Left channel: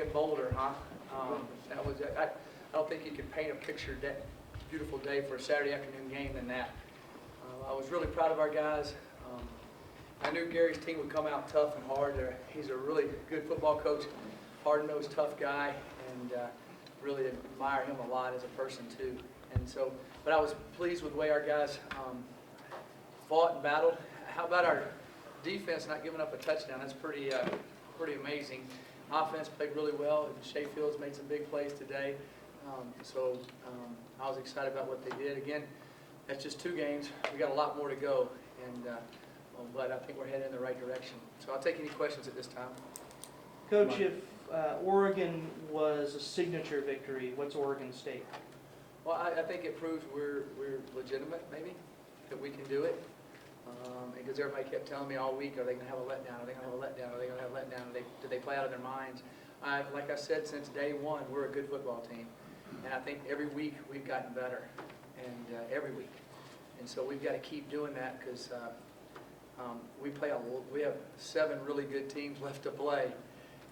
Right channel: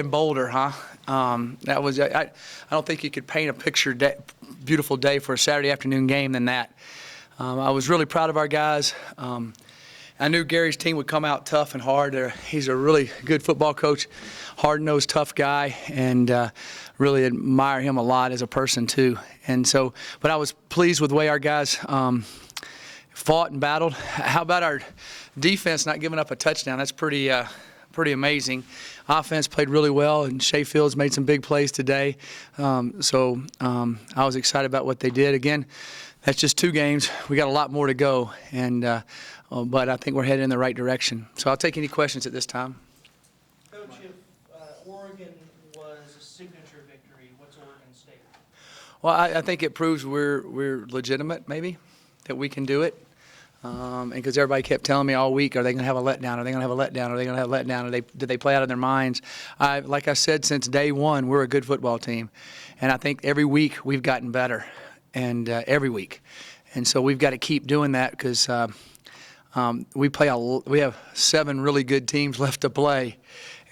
In Boulder, huh? That was I don't think you could paint a beautiful day for a Saturday afternoon game than that. I was really proud of our guys. I knew Gary's team would come out tough and hard. He's a really good football coach, hard-nosed, tough guy, and really admire him a lot as a person too. And so, but I was pleased with the way our guys fought and battled. How about our defense not giving up a touchdown? That's pretty amazing. Offense played really well, and Shea Fields made some big plays today. I was excited about what they did. Again, that's just 2 games. We got a lot more to go, and but I think we're headed in the right direction. So I'll take any questions at this time. Coach, if Oregon was a signature victory, what's Oregon State? Well, I think it proves we're legitimate, maybe, that we can do it. And because everybody kept telling me all week, are they going to have a letdown? Are they going to have a letdown? Are they going to have a letdown? Did they play out of their minds? Like I said, since day one, we're a good football team. And I think every week we've gotten better, and every week. And so we've got to keep doing that because we have 7 really good teams left to play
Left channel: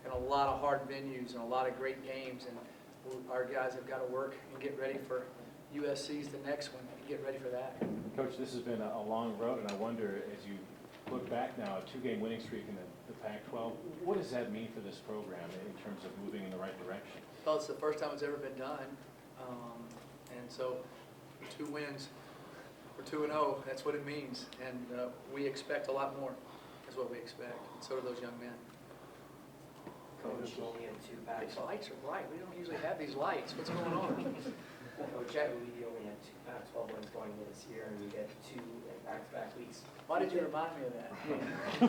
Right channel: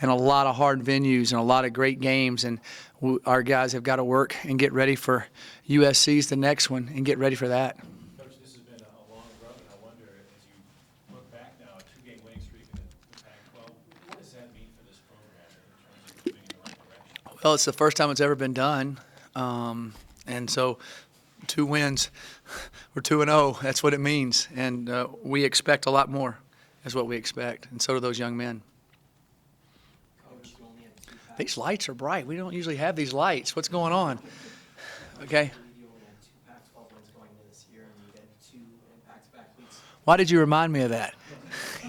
and a lot of hard venues and a lot of great games. And our guys have got to work and get ready for USC's the next one and get ready for that. Coach, this has been a long road, and I wonder, as you look back now, a 2-game winning streak in the Pac-12, what does that mean for this program in terms of moving in the right direction? Well, it's the first time it's ever been done, and so 2 wins. We're 2-0. That's what it means, and we expect a lot more. Is what we expect, and so do those young men. Coach, These lights are bright. We don't usually have these lights. What's going on? Okay. You only have 2 Pac-12 wins going into this year, and you get 2 back-to-back weeks. Why did you remind me of that? Do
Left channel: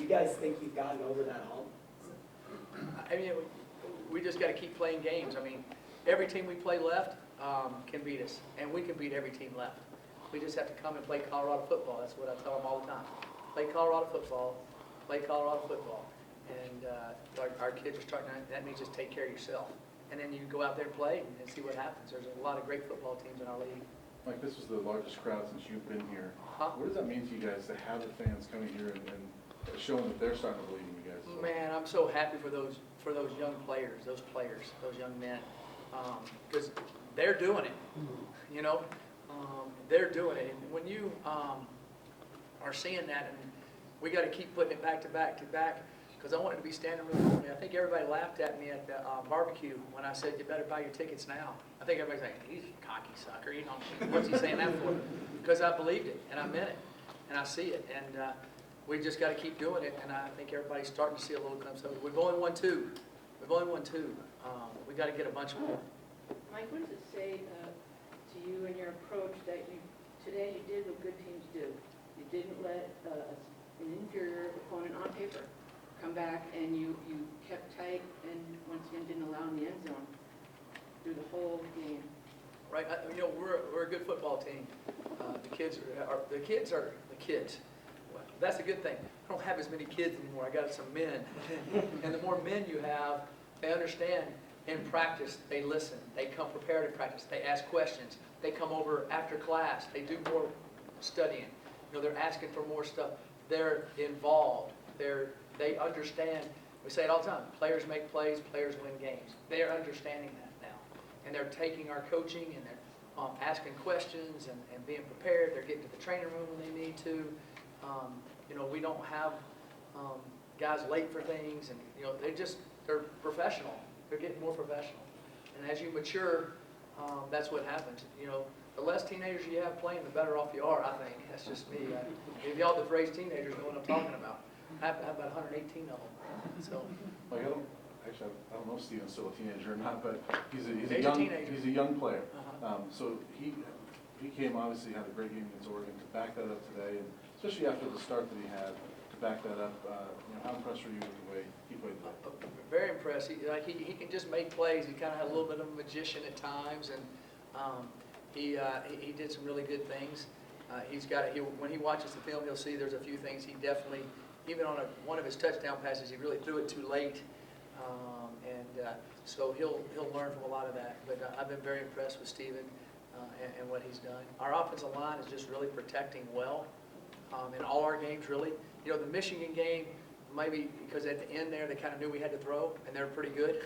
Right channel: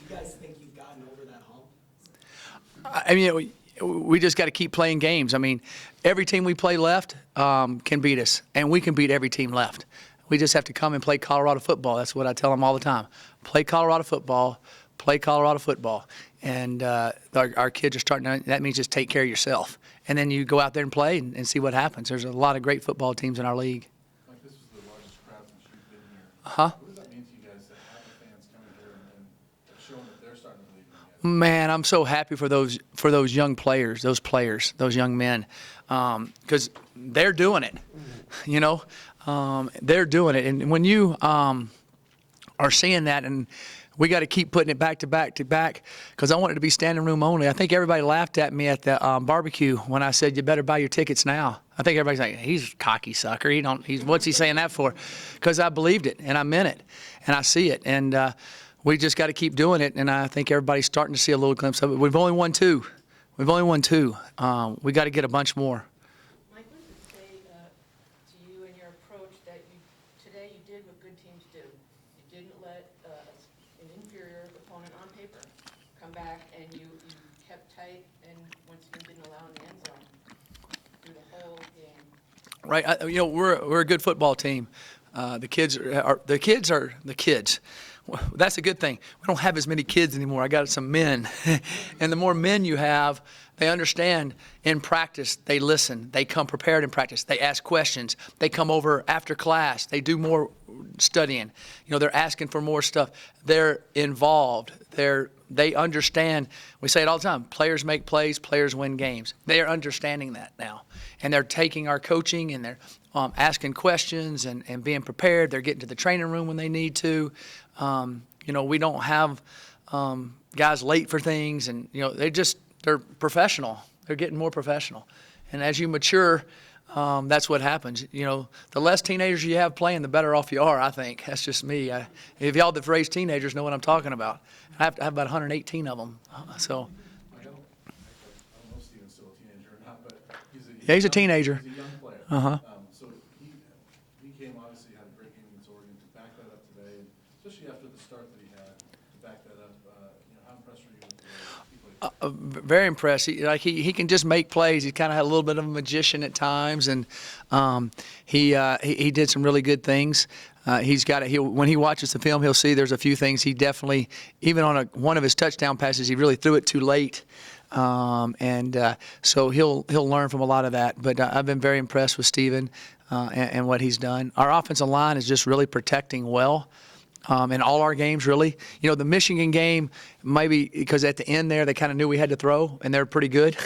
you guys think you've gotten over that hump? I mean, we just got to keep playing games. I mean, every team we play left can beat us, and we can beat every team left. We just have to come and play Colorado football. That's what I tell them all the time. Play Colorado football, play Colorado football. And our kids are starting to, that means just take care of yourself. And then you go out there and play and see what happens. There's a lot of great football teams in our league. Mike, this was the largest crowd since you've been here. Uh-huh. What does that mean to you guys to have the fans coming here and showing that they're starting to believe in you guys? Man, I'm so happy for those young players, those young men, because they're doing it. You know, they're doing it. And when you are seeing that, and we got to keep putting it back to back to back, because I want it to be standing room only. I think everybody laughed at me at the barbecue when I said you better buy your tickets now. I think everybody's like, he's a cocky sucker. What's he saying that for? Because I believed it and I meant it and I see it, and we just got to keep doing it. And I think everybody's starting to see a little glimpse of it. We've only won 2. We got to get a bunch more. Mike, what does it say to you and your approach that today you did what good teams do? You didn't let an inferior opponent on paper come back, and you kept tight and once again didn't allow in the end zone through the whole game. Right, we're a good football team. The kids are the kids. Well, that's a good thing. We don't have as many kids anymore. I got some men, and the more men you have, they understand in practice. They listen. They come prepared in practice. They ask questions. They come over after class. They do more studying. They're asking for more stuff. They're involved. They understand. We say it all the time. Players make plays. Players win games. They are understanding that now, and they're taking our coaching and they're asking questions and being prepared. They're getting to the training room when they need to. We don't have guys late for things, and they're professional. They're getting more professional, and as you mature, that's what happens. The less teenagers you have playing, the better off you are. I think that's just me. If y'all that raise teenagers know what I'm talking about. I have about 118 of them. So. Like, I don't know if Steven's still a teenager or not, but he's a teenager. He's a young player. Uh-huh. So he came, obviously had a great game against Oregon. To back that up today, and especially after the start that he had, to back that up, how impressed were you with the way he played today? Very impressed. He can just make plays. He kind of had a little bit of a magician at times, and he did some really good things. When he watches the film, he'll see there's a few things he definitely, even on one of his touchdown passes, he really threw it too late. So he'll learn from a lot of that. But I've been very impressed with Steven and what he's done. Our offensive line is just really protecting well. in all our games, really. You know, the Michigan game, maybe because at the end there, they kind of knew we had to throw, and they're pretty good.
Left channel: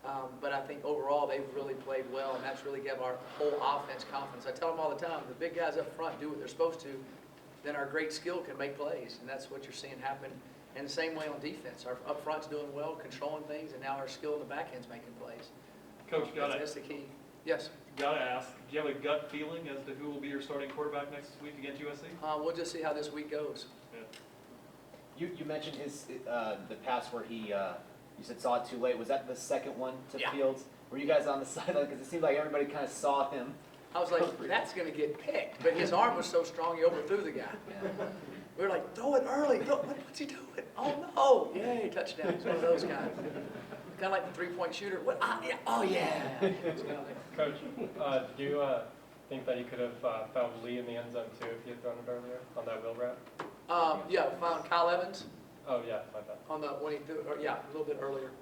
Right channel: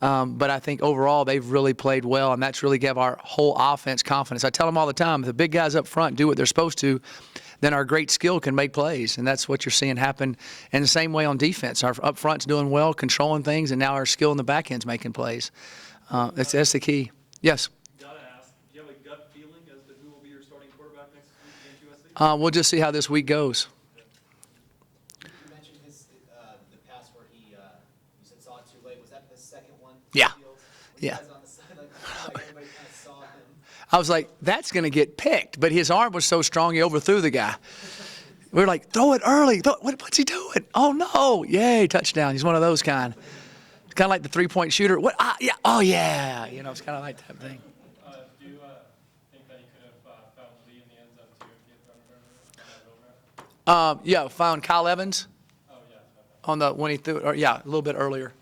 But I think overall, they've really played well, and that's really give our whole offense confidence. I tell them all the time, if the big guys up front do what they're supposed to, then our great skill can make plays, and that's what you're seeing happen. And the same way on defense, our up front's doing well, controlling things, and now our skill in the back end's making plays. That's the key. Yes. Gotta ask, do you have a gut feeling as to who will be your starting quarterback next week against USC? We'll just see how this week goes. You mentioned the pass where he, you said saw it too late. Was that the second one? Yeah. Fields? Were you Yeah. guys on the sideline? Because it seemed like everybody kind of saw him. I was like, that's going to get picked. But his arm was so strong, he overthrew the guy. We were like, throw it early. What's he doing? Oh, no. Yay, touchdown. He's one of those kind. Kind of like the three-point shooter. What? Yeah. Oh, yeah. You know, it's kind of like that. Coach, do you think that you could have found Lee in the end zone too if he had thrown it earlier on that wheel route? Yeah, found Kyle Evans Oh, yeah, my bad. on the when he threw, or yeah, a little bit earlier.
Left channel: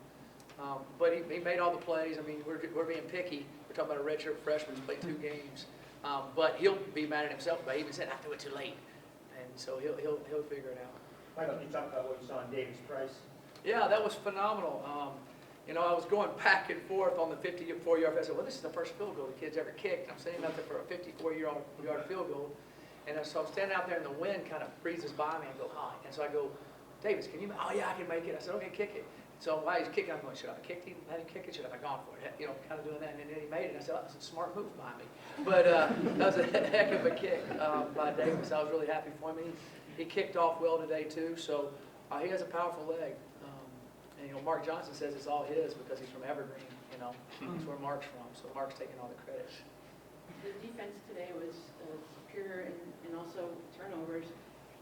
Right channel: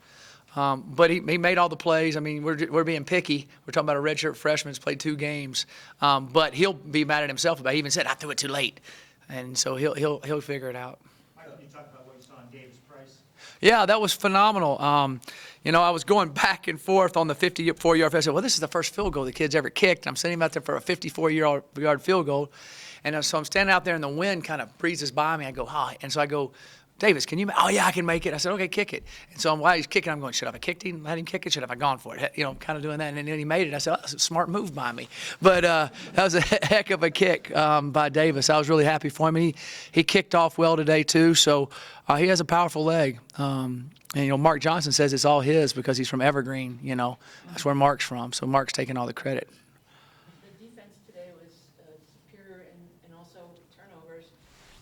But he made all the plays. I mean, we're being picky. We're talking about a redshirt freshman who's played 2 games. But he'll be mad at himself about it. He even said, I threw it too late. And so he'll figure it out. Michael, can you talk about what you saw in Davis Price? Yeah, that was phenomenal. You know, I was going back and forth on the 54-yard field. I said, well, this is the first field goal the kid's ever kicked. I'm sending him out there for a 54-yard field goal. And so I'm standing out there, and the wind kind of breezes by me. I go, hi. And so I go, Davis, can you? Oh, yeah, I can make it. I said, okay, kick it. And so while he's kicking, I'm going, should I have kicked him, let him kick it? Should I have gone for it? You know, kind of doing that. And then he made it. I said, oh, that's a smart move by me. But that was a heck of a kick by Davis. I was really happy for him. He kicked off well today, too. So he has a powerful leg. And, you know, Mark Johnson says it's all his because he's from Evergreen, you know. That's where Mark's from. So Mark's taking all the credit. The defense today was superior and also turnovers,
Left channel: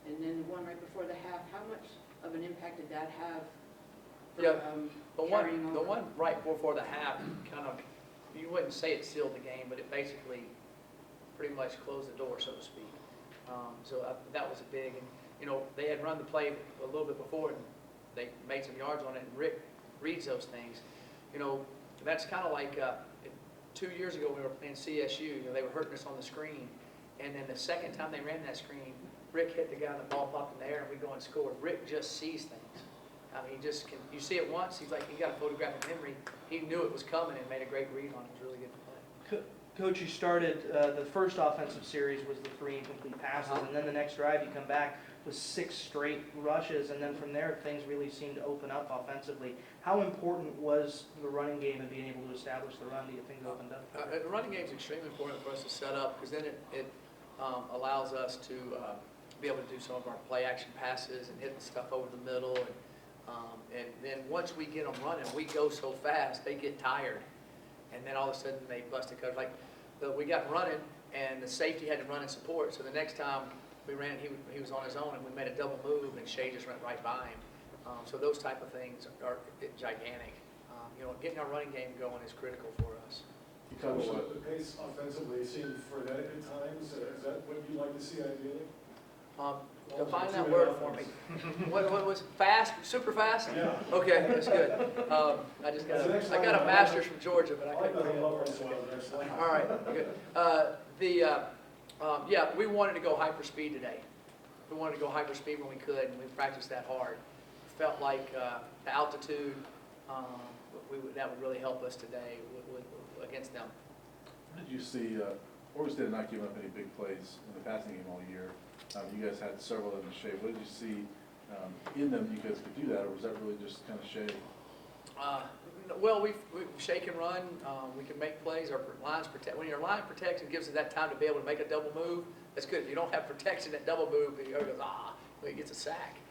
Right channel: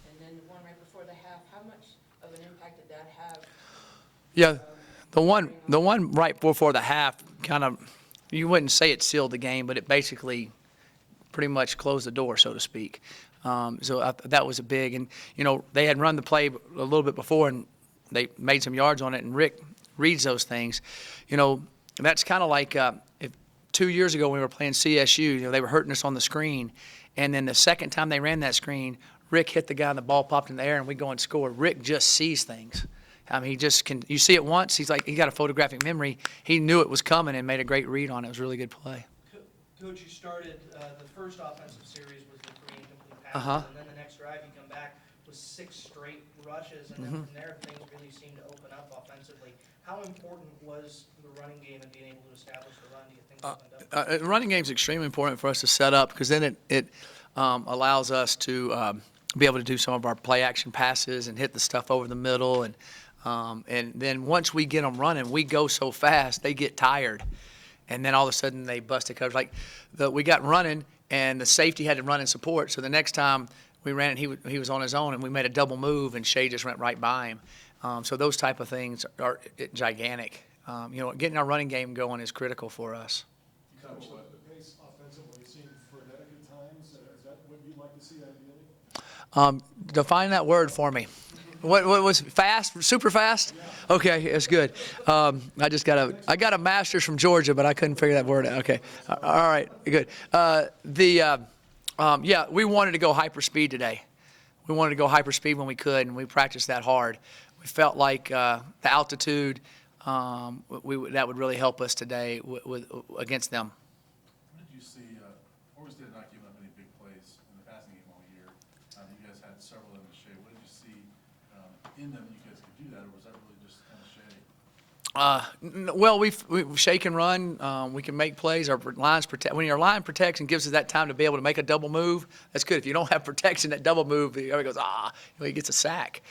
and then the one right before the half. How much of an impact did that have? Yeah, the one right before the half kind of, you wouldn't say it sealed the game, but it basically pretty much closed the door, so to speak. That was a big, and you know, they had run the play a little bit before, and they made some yards on it, and Rick reads those things. You know, that's kind of like if 2 years ago when we were playing CSU, you know, they were hurting us on the screen, and then the second time they ran that screen, Rick hit the guy and the ball popped in the air and we go and score. Rick just sees things. I mean, he just can, you see it once, he's like, he got a photographic memory. He knew it was coming and made a great read on it. It was a really good play. Coach, you started, the first offensive series was the 3 incomplete passes, Uh-huh. and then the next drive you come back with 6 straight rushes, and then from there, things really seemed to open up offensively. How important was the running game and being able to establish the run? Do you think opened up? The running game is extremely important for us to set up because then it allows us to be able to do some of our play action passes and hit the stuff over the middle. And then once we get them running, we go so fast, they get tired. And then all of a sudden they busted coverage. Like we got running and the safety had to run in support. So the next time we ran it, he was on his own and we made a double move and Shea just went right by him. So those type of things are gigantic. You know, getting our running game going is critical for us. Coach, the pace offensively seemed frenetic at times. Is that what you'd like to see ideally? Define that word for me. What was fast? Super fast? Okay, that's good. I got a master's from Georgia, but I couldn't figure that word out. Okay, all right, good. Yeah, we wanted to go hyperspeed today. We wanted to go hyperspeed when we could, and we practiced that hard. We felt like the altitude that would really help us today against them. What did you see, Oregon did not give up any big plays in the passing game all year. You guys had several in the Shea. What did you see in them you guys could do that, or was that really just kind of Shea? Well, we shake and run. We can make plays. Our lines protect. When your line protects and gives us that time to be able to make a double move, that's good. If you don't have protection, that double move, everybody goes, he gets a sack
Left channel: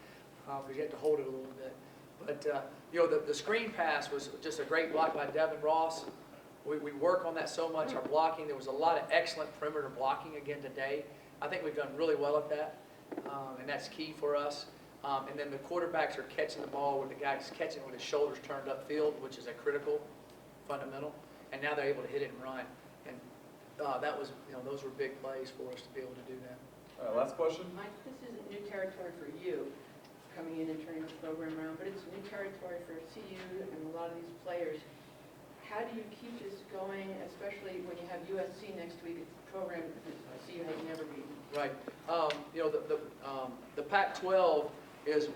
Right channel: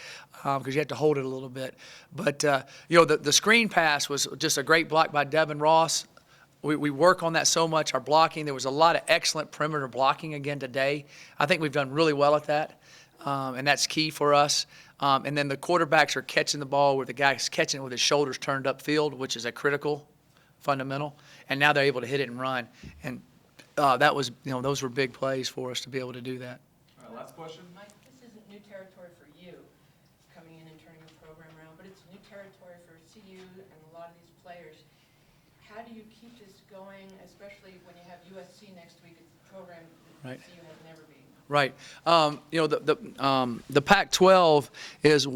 because you have to hold it a little bit. But, you know, the screen pass was just a great block by Devin Ross. We work on that so much, our blocking. There was a lot of excellent perimeter blocking again today. I think we've done really well at that, and that's key for us. And then the quarterbacks are catching the ball where the guy's catching it with his shoulders turned upfield, which is a critical fundamental. And now they're able to hit it and run. And that was, you know, those were big plays for us to be able to do that. Last question. Mike, this isn't new territory for you, coming in and turning the program around, but it's new territory for CU and a lot of these players. How do you keep this going, especially when you have USC next week? It's program Right. that CU had never beaten. Right. You know, the Pac-12 is,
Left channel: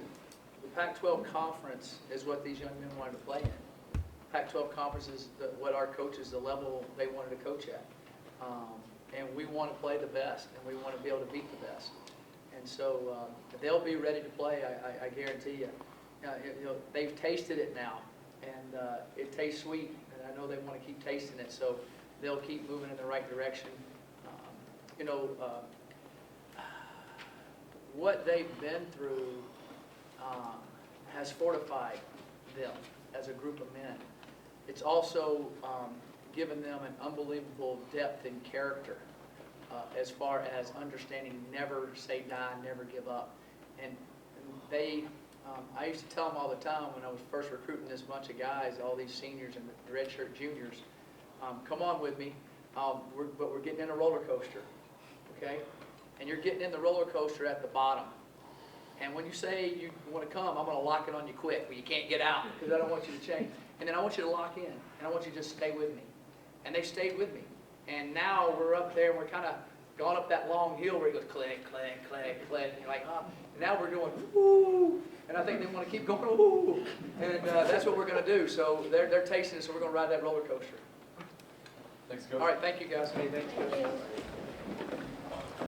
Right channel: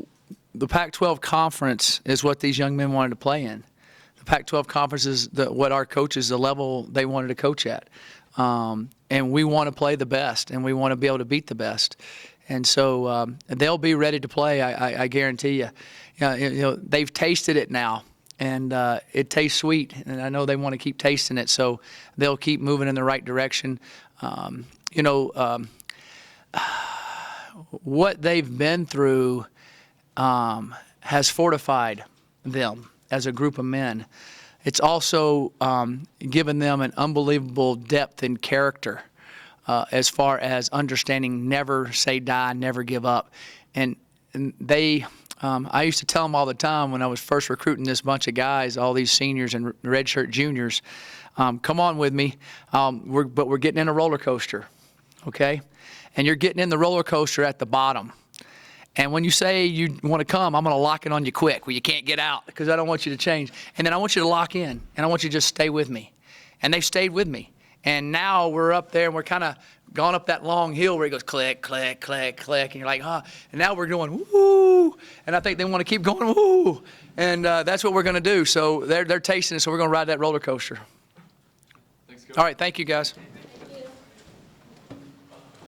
the Pac-12 conference is what these young men wanted to play in. The Pac-12 conference is what our coaches, the level they wanted to coach at. And we want to play the best, and we want to be able to beat the best. And so they'll be ready to play, I guarantee you. You know, they've tasted it now, and it tastes sweet, and I know they want to keep tasting it, so they'll keep moving in the right direction. You know, what they've been through has fortified them as a group of men. It's also given them an unbelievable depth in character as far as understanding never say die, never give up. And they, I used to tell them all the time when I was first recruiting this bunch of guys, all these seniors and redshirt juniors, come on with me, but we're getting in a roller coaster, okay? And you're getting in the roller coaster at the bottom. And when you say you want to come, I'm going to lock it on you quick where you can't get out because I don't want you to change. And then I want you to lock in, and I want you to just stay with me. And they stayed with me. And now we're up there, and we're kind of gone up that long hill where it goes click, click, click, click, and you're like, huh. And now we're going, woo. And I think they want to keep going, woo. And that's what we're going to do. So they're tasting it, so we're going to ride that roller coaster. Thanks, Coach. All right, thank you, guys. Okay, thank you.